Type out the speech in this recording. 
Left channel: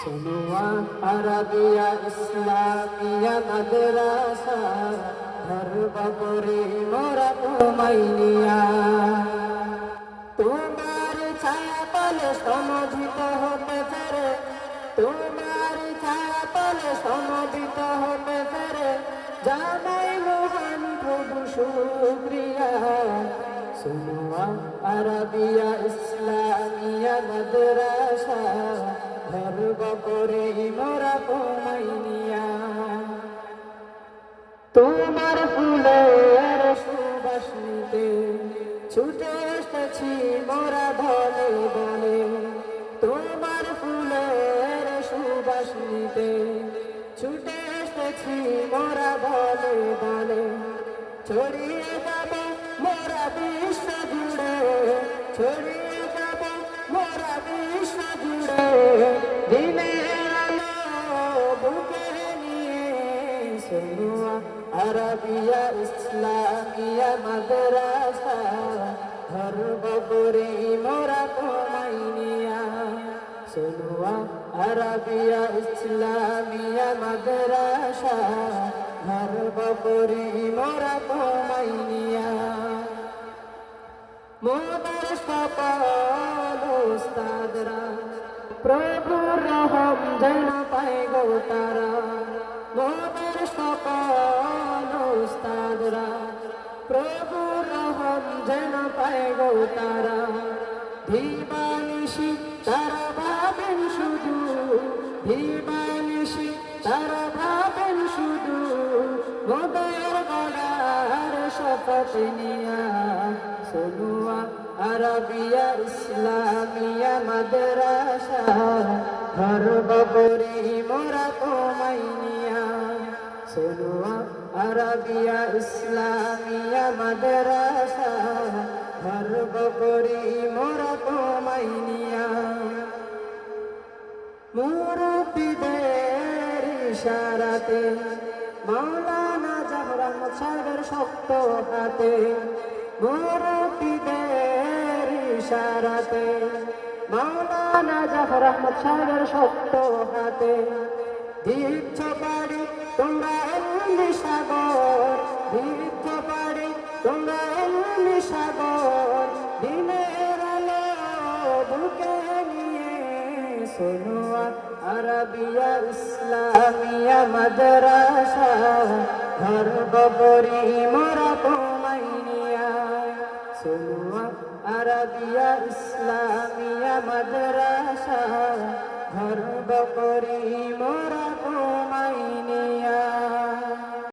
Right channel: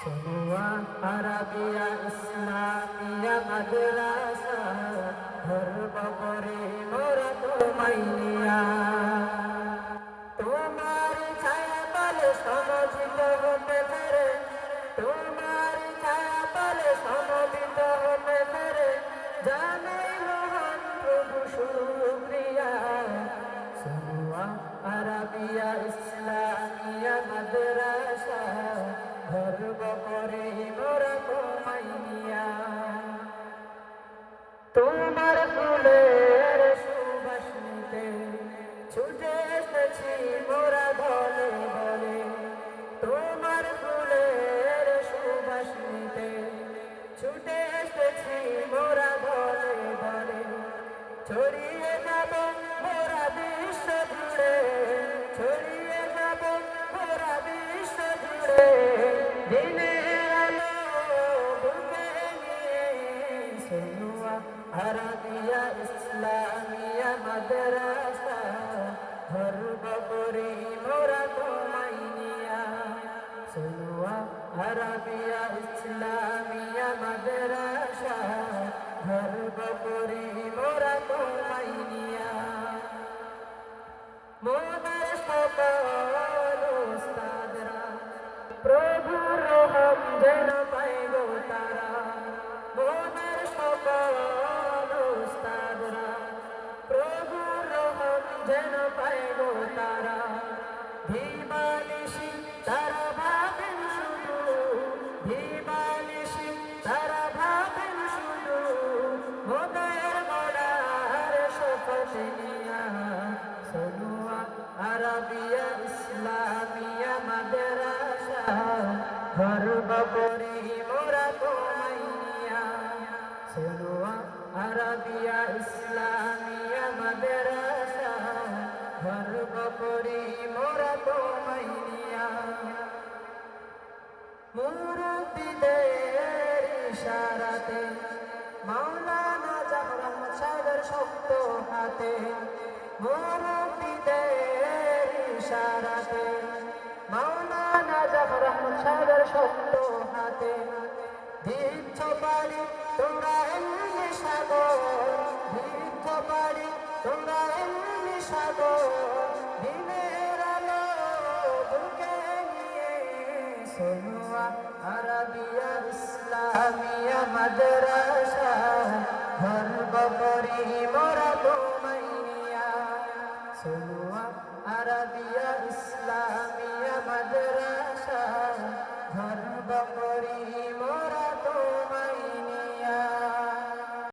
सुनुआ Arabia Islamia मदरसा घर बबरी मोरा घुमाइनिया তোমার ছায়া পালে সমবেত হতে পারে তোমার ছায়া পালে সমবেত হতে পারে জানাই মহান প্রভু শুকরিয়া सुनुआ अरबिया इस्लामिया मदरसा घर बकरे मोरा घुमाइनिया তোমার ফুলের সুবাস নিতে ছুটে এসেছি মোরা বলে বলে তোমার ফুলের সুবাস নিতে ছুটে এসেছি মোরা বলে বলে ছড়িয়ে যাবে মোরা বিশ্ব জুড়ে ছড়িয়ে যাবে মোরা বিশ্ব জুড়ে দিনের আলো বুকে নিয়ে सुनुआ अरबिया इस्लामिया मदरसा घर बकरी मोरा घुमाइनिया सुनुआ अरबिया इस्लामिया मदरसा घर बकरी मोरा घुमाइनिया मोदर सकल उस्तादरा प्रभु रहम जेन पाए गो तारा মোদের সকল উস্তাদরা প্রভু রহম যেন পায় গো তারা দিবানিশি তারা ভাবেন শুধু দিবানিশি তারা ভাবেন শুধু মোদের গড়ার শপথ নিয়া সুনুয়া अरबिया इस्लामिया मदरसा घर बकरी मोरा घुमाइनिया सुनुआ अरबिया इस्लामिया मदरसा घर बकरी मोरा घुमाइनिया मुरुब्बिদের ইশারাতে মাওলানা জাহর আহমদ সাহেবের শক্ত হাতে মুরব্বিদের ইশারাতে মাওলানা জাফর আহমদ সাহেবের শক্ত হাতে দিচ্ছ পাড়ি তোমরা এমনি সাগর দিচ্ছ পাড়ি তোমরা এমনি সাগর দিনের আলো বুকে নিয়ে সুনুয়া अरबिया इस्लामिया मदरसा घर बकरी मोरा घुमाइनिया सुनुआ अरबिया इस्लामिया मदरसा घर बकरी मोरा